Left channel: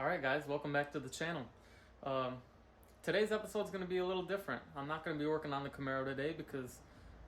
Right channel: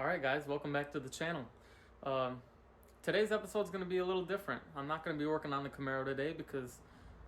Alright guys, welcome back to the channel. Today's episode is going to be a little different. I'm not going to be working on the Camaro today because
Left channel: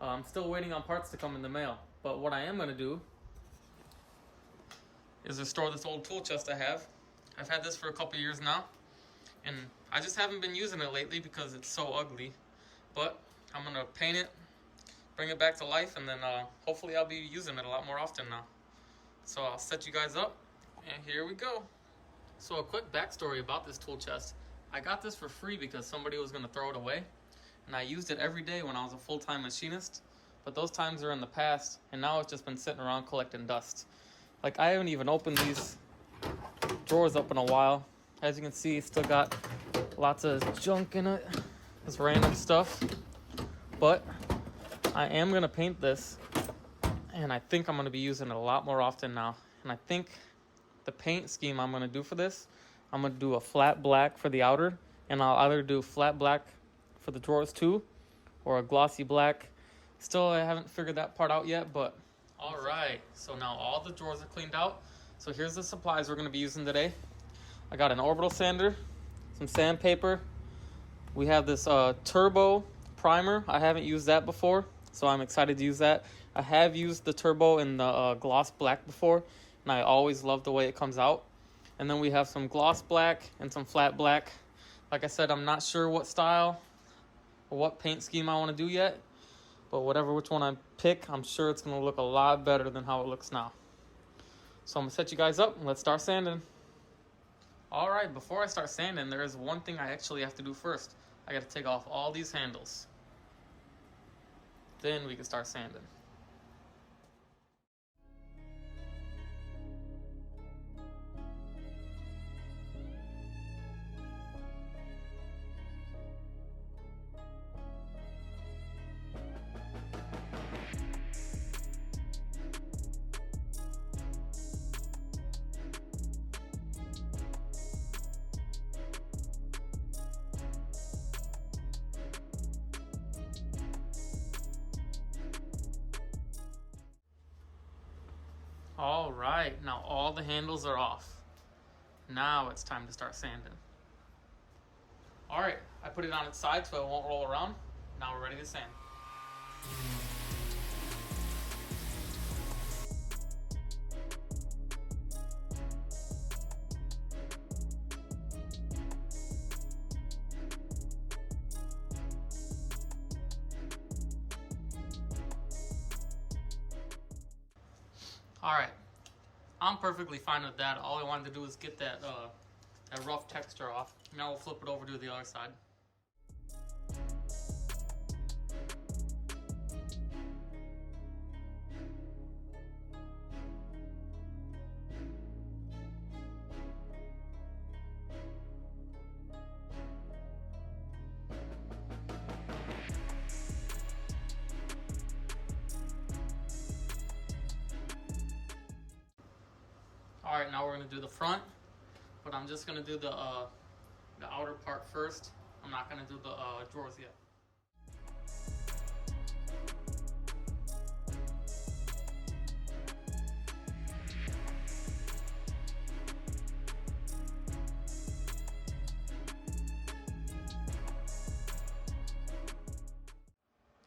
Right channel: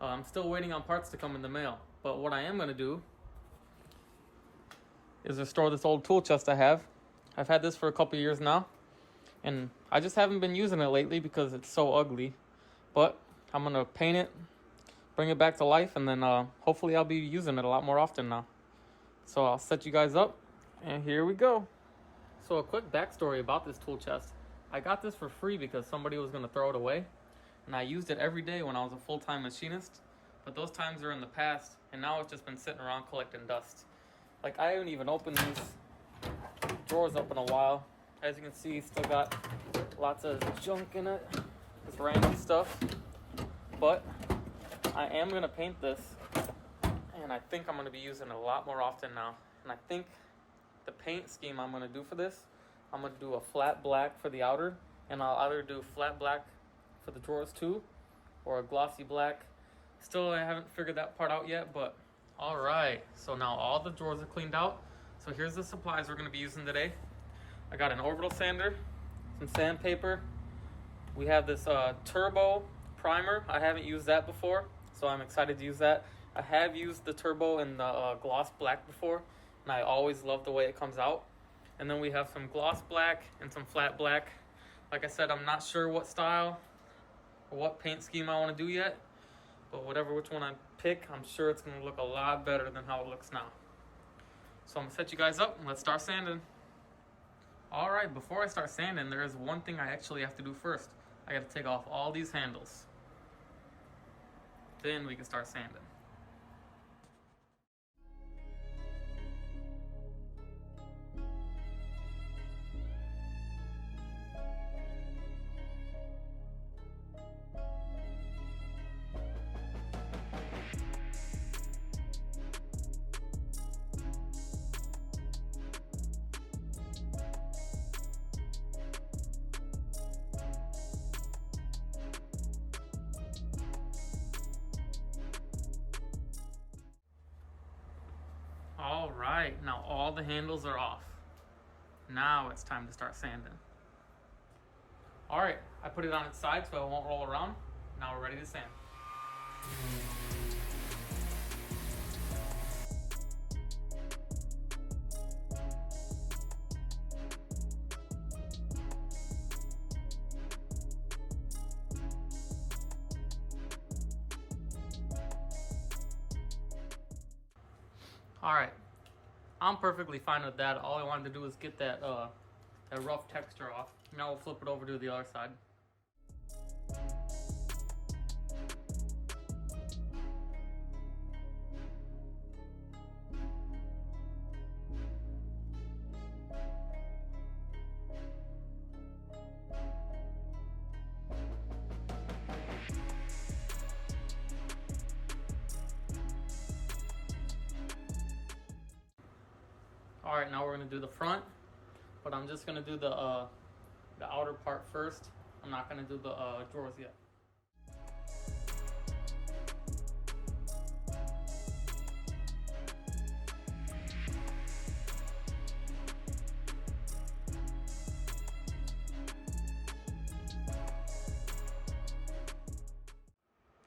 I'm still waiting on parts to come in the mail. But what I am going to do is restore this old tool chest I have. I've had this for a couple years now, and I just haven't been using it lately because it's so ugly. But I'm going to paint it, bring it back to life, and then hopefully I'll be using it a lot more often now. So I'll set you guys up, and here we go. So a quick backstory about this tool chest. I got this for free because somebody was going to throw it away, and I used it every day when I was a full-time machinist, but those times are in the past, and now it's just been sitting around collecting dust. Like, I haven't even opened these drawers up in a while. As you can see, it's still got lots of junk in it. It's random stuff, but I am going to paint this, and I think I'm going to be using it a lot more often now. And I think the paint scheme I'm going to do for this, I'm going to do a flat black for the outer, and I'll either do flat black for the drawers too, or a glossy black. Still, I haven't figured that part out yet, but all right. So now all the drawers are cleaned out. So here's the supplies we're going to be using today. I got an orbital sander, some sandpaper. We have this turbo primer. I haven't used that before, so I'm excited to use that. I have used the turbo in the gloss black before, and I always love the way it comes out. And then we have some gloss black and some flat black. Like I said, I'm not sure what style or what paint scheme I want to do yet, but which one I pick, I'm sure it's going to look a lot better than how it looks now. So I'm going to set you guys up and let's start sanding. All right, before I start sanding, there is one thing I actually have to do first. I got to take off all these handles. Then we can start sanding. All right, now all the handles are off. Now it's time to start sanding. All right, I put it on its side so it won't roll around. Now we're ready to sand. All right, I'm perfectly fine with that. All I wanted to do is get that rough texture off. Now we'll flip it over to the other side. All right, now we're gonna do the front, but I'm just gonna do the outer part first. I'm not gonna do the drawers yet.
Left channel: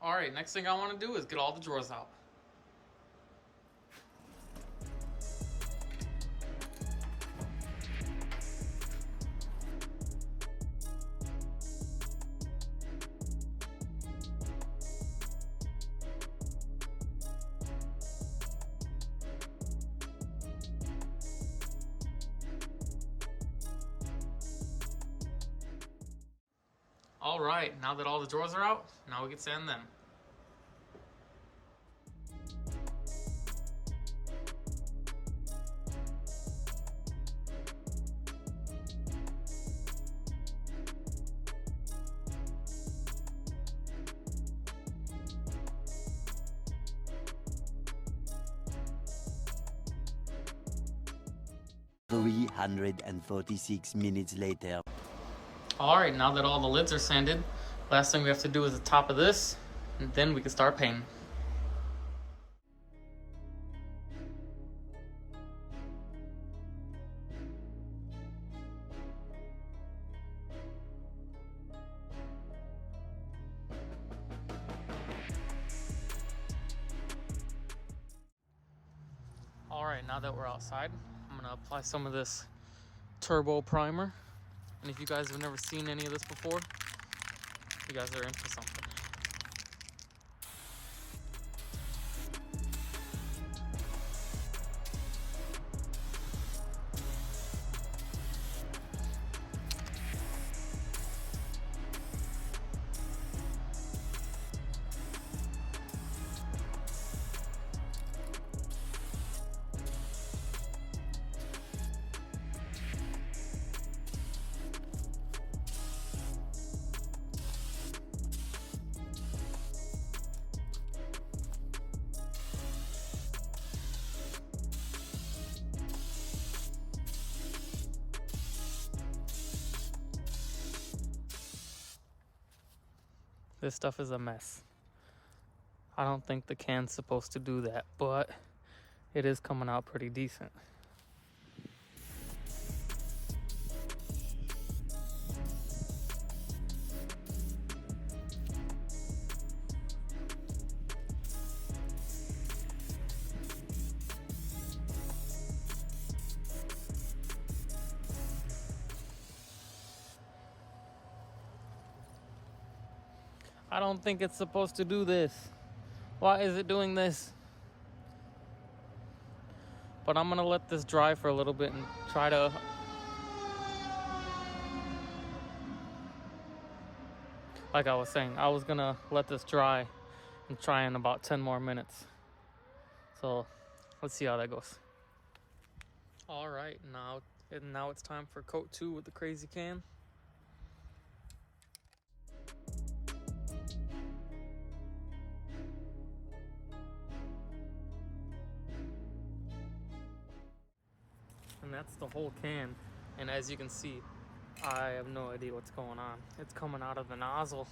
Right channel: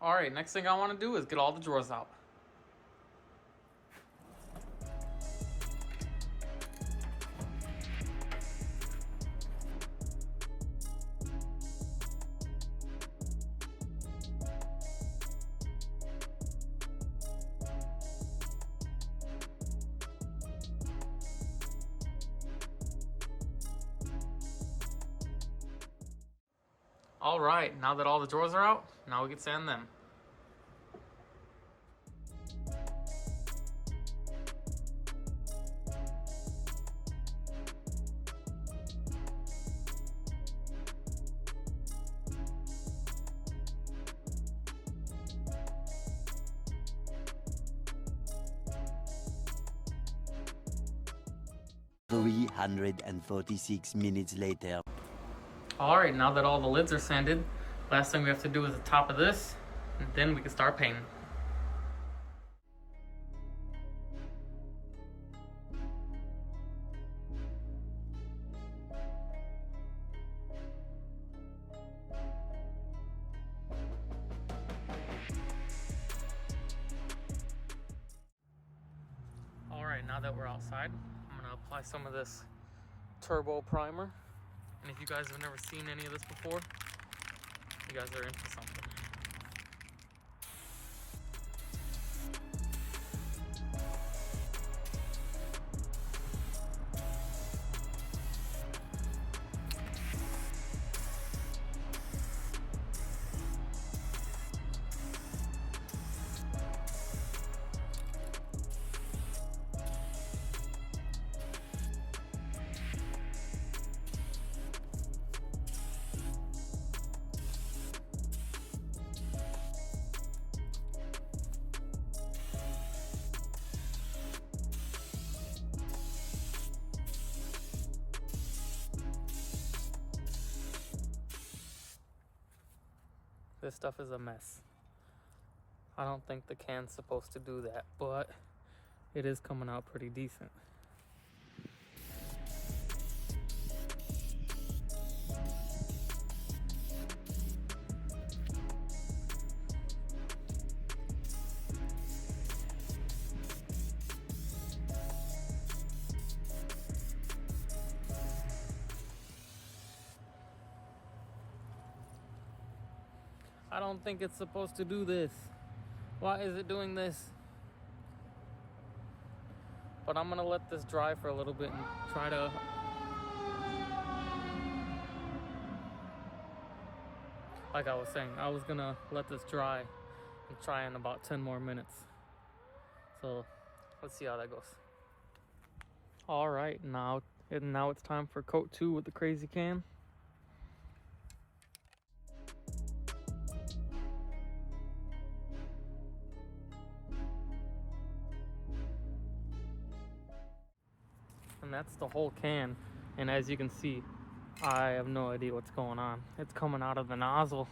All right, next thing I wanna do is get all the drawers out. All right, now that all the drawers are out, now we can sand them. $346 later. All right, now that all the lids are sanded, last thing we have to do is the top of this, and then we can start painting. Alright, now that we're outside, I'm gonna apply some of this turbo primer. And if you guys have never seen any of this before, you guys are into something. This stuff is a mess. I don't think the can's supposed to do that, but it is coming out pretty decent. I don't think it's supposed to do this. Why is it doing this? But I'm gonna let this dry for a little bit and try to... Like I was saying, I was gonna let this dry and try in about 10 more minutes. So let's see how that goes. All right, now it's time for coat 2 with the Crazy Can. And that's the whole can. And as you can see, I have no idea what's going on. It's coming out of the nozzle.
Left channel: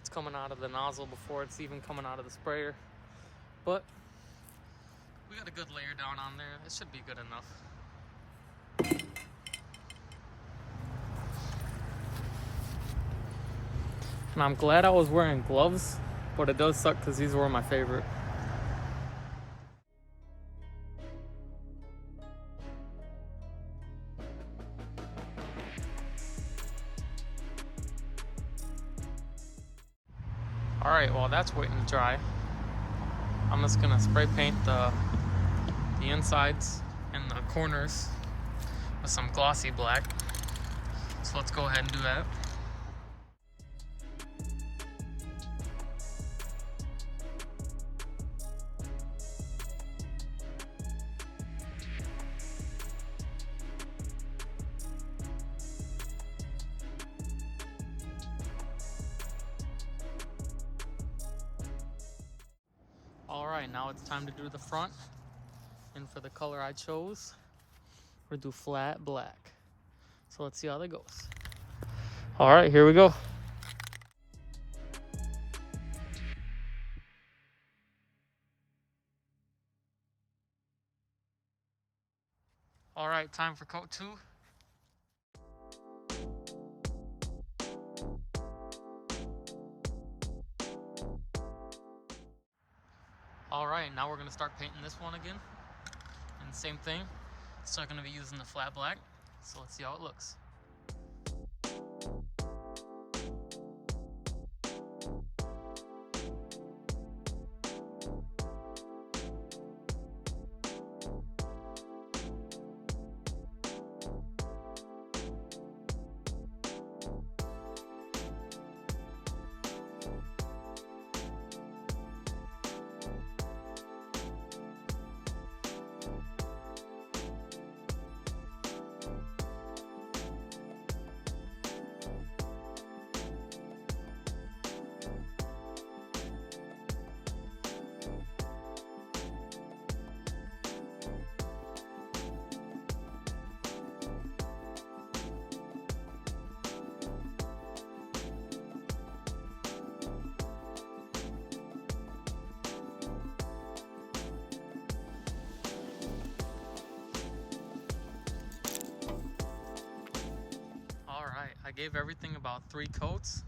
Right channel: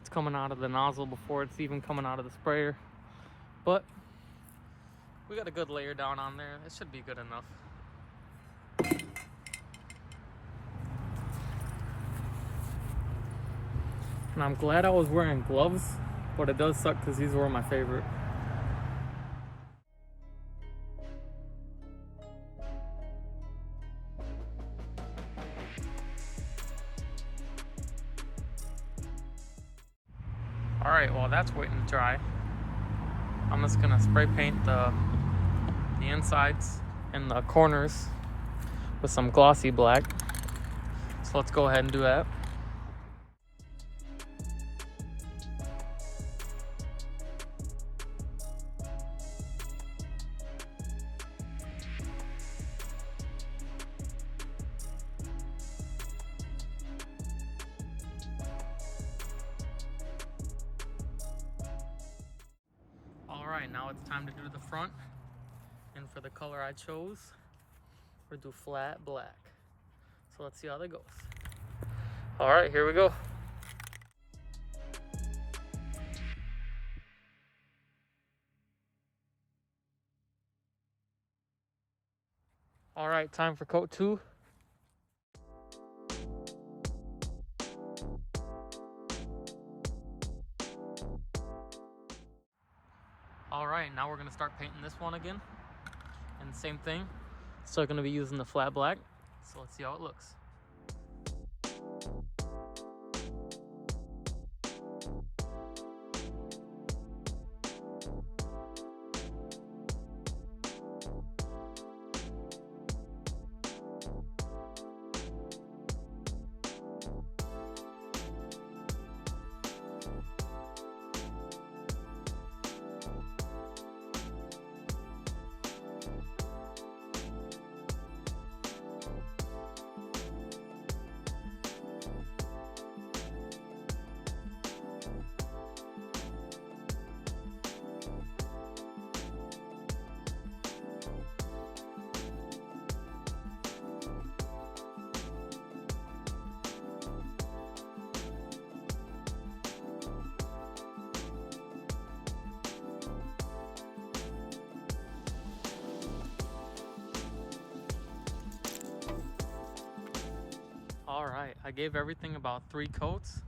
It's coming out of the nozzle before it's even coming out of the sprayer. But we got a good layer down on there. It should be good enough. And I'm glad I was wearing gloves, but it does suck because these were my favorite. Alright, while that's waiting to dry, I'm just gonna spray paint the insides and the corners with some glossy black. So let's go ahead and do that. Alright, now it's time to do the front. And for the color I chose, we'll do flat black. So let's see how that goes. Alright, here we go. Alright, time for coat 2. Alright, now we're going to start painting this one again. And same thing, still going to be using the flat black. So let's see how it looks. Alright, I gave everything about 3 coats,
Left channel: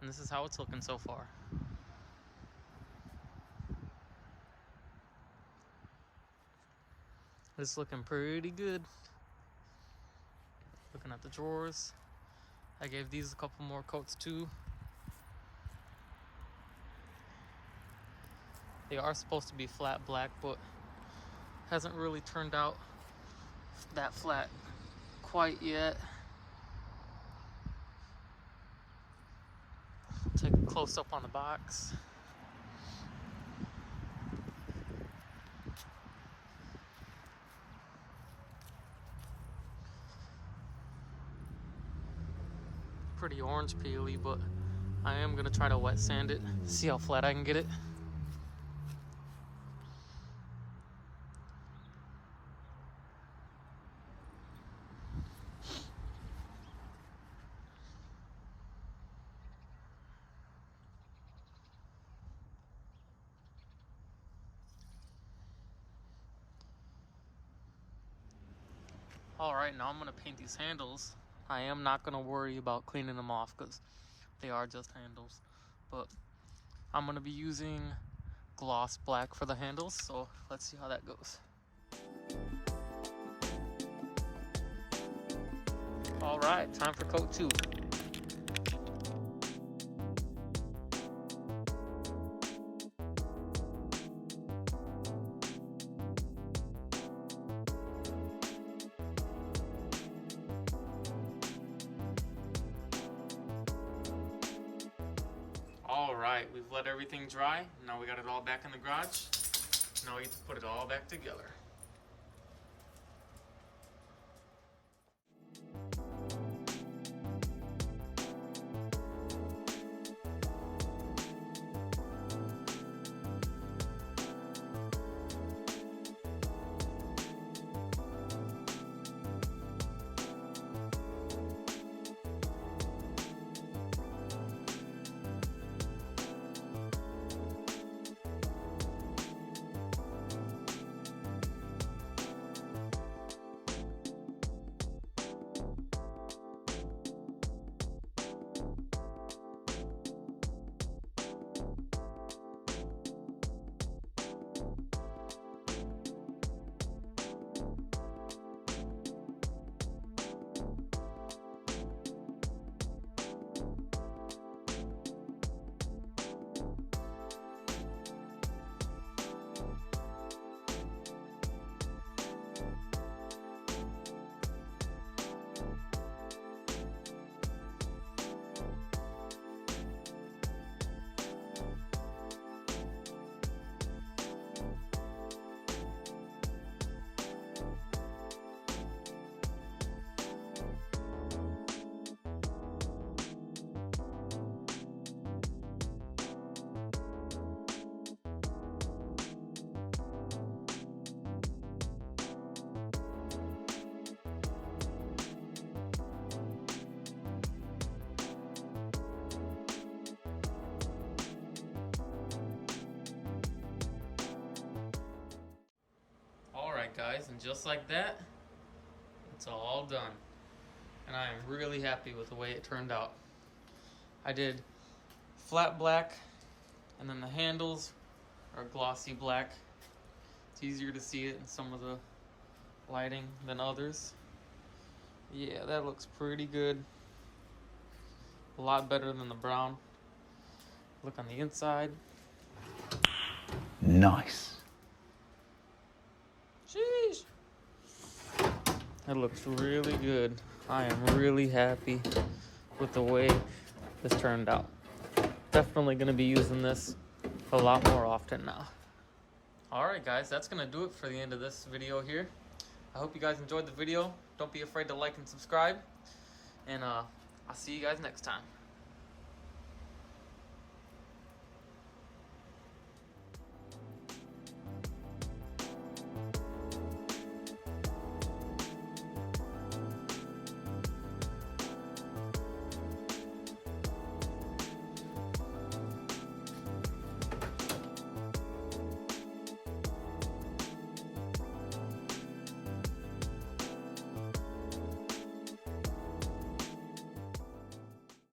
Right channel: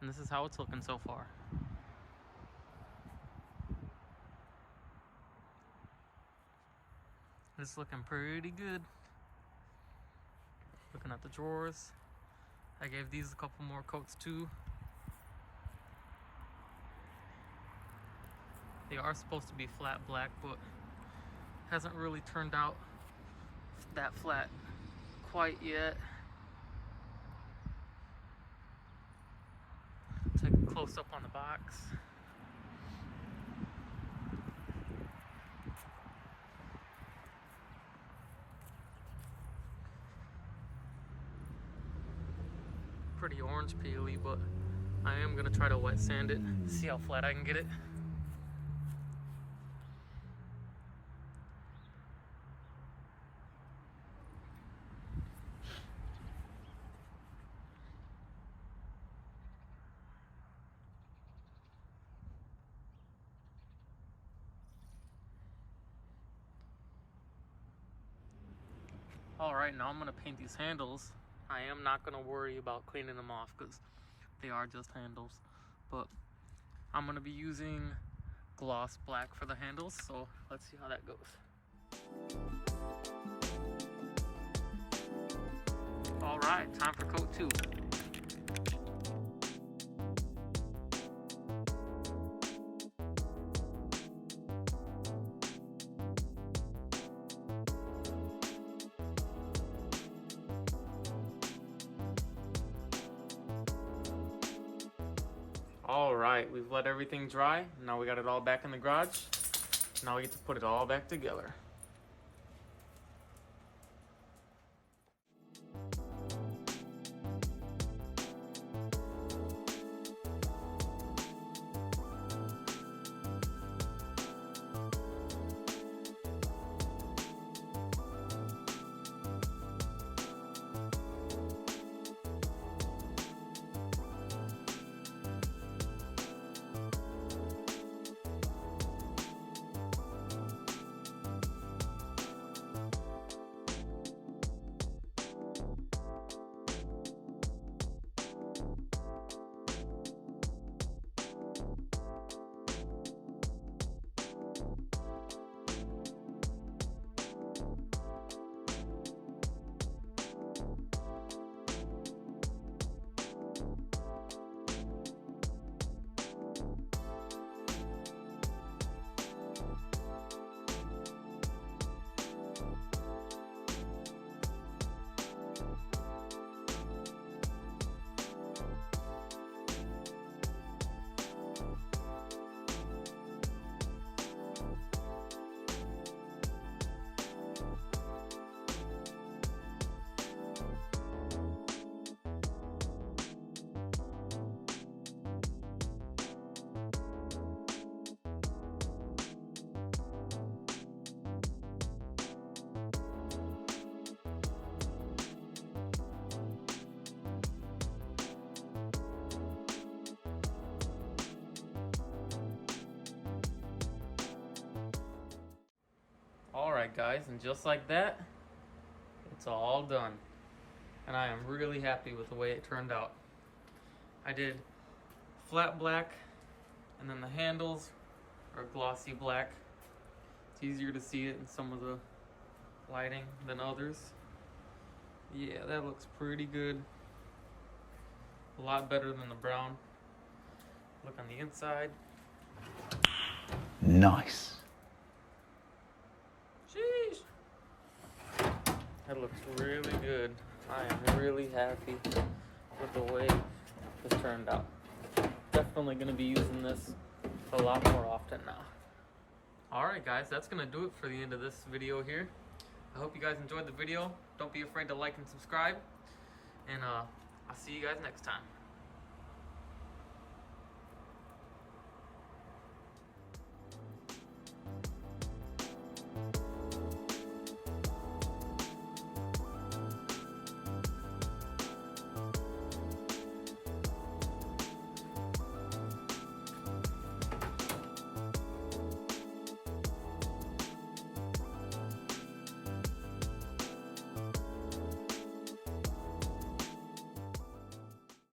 and this is how it's looking so far. It's looking pretty good. Looking at the drawers, I gave these a couple more coats too. They are supposed to be flat black, but hasn't really turned out that flat quite yet. Take a close up on the box. Pretty orange peely, but I am gonna try to wet sand it, see how flat I can get it. All right, now I'm gonna paint these handles. I am not gonna worry about cleaning them off because they are just handles, but I'm gonna be using gloss black for the handles, so let's see how that goes. All right, time for coat 2. All right, we've let everything dry. Now we got it all back in the garage. Now we get to put it all back together. Alright guys, and just like that, it's all done. And I am really happy with the way it turned out. I did flat black, and then the handles are glossy black. It's easier to see it in some of the lighting than others. Yeah, that looks pretty good. A lot better than the brown. Look on the inside. Nice. Jeez. It looks really good. I am really happy with the way this turned out. Definitely gonna be using this a lot more often now. Alright guys, that's gonna do it for the end of this video here. I hope you guys enjoyed the video. Don't be afraid to like and subscribe. And I'll see you guys next time.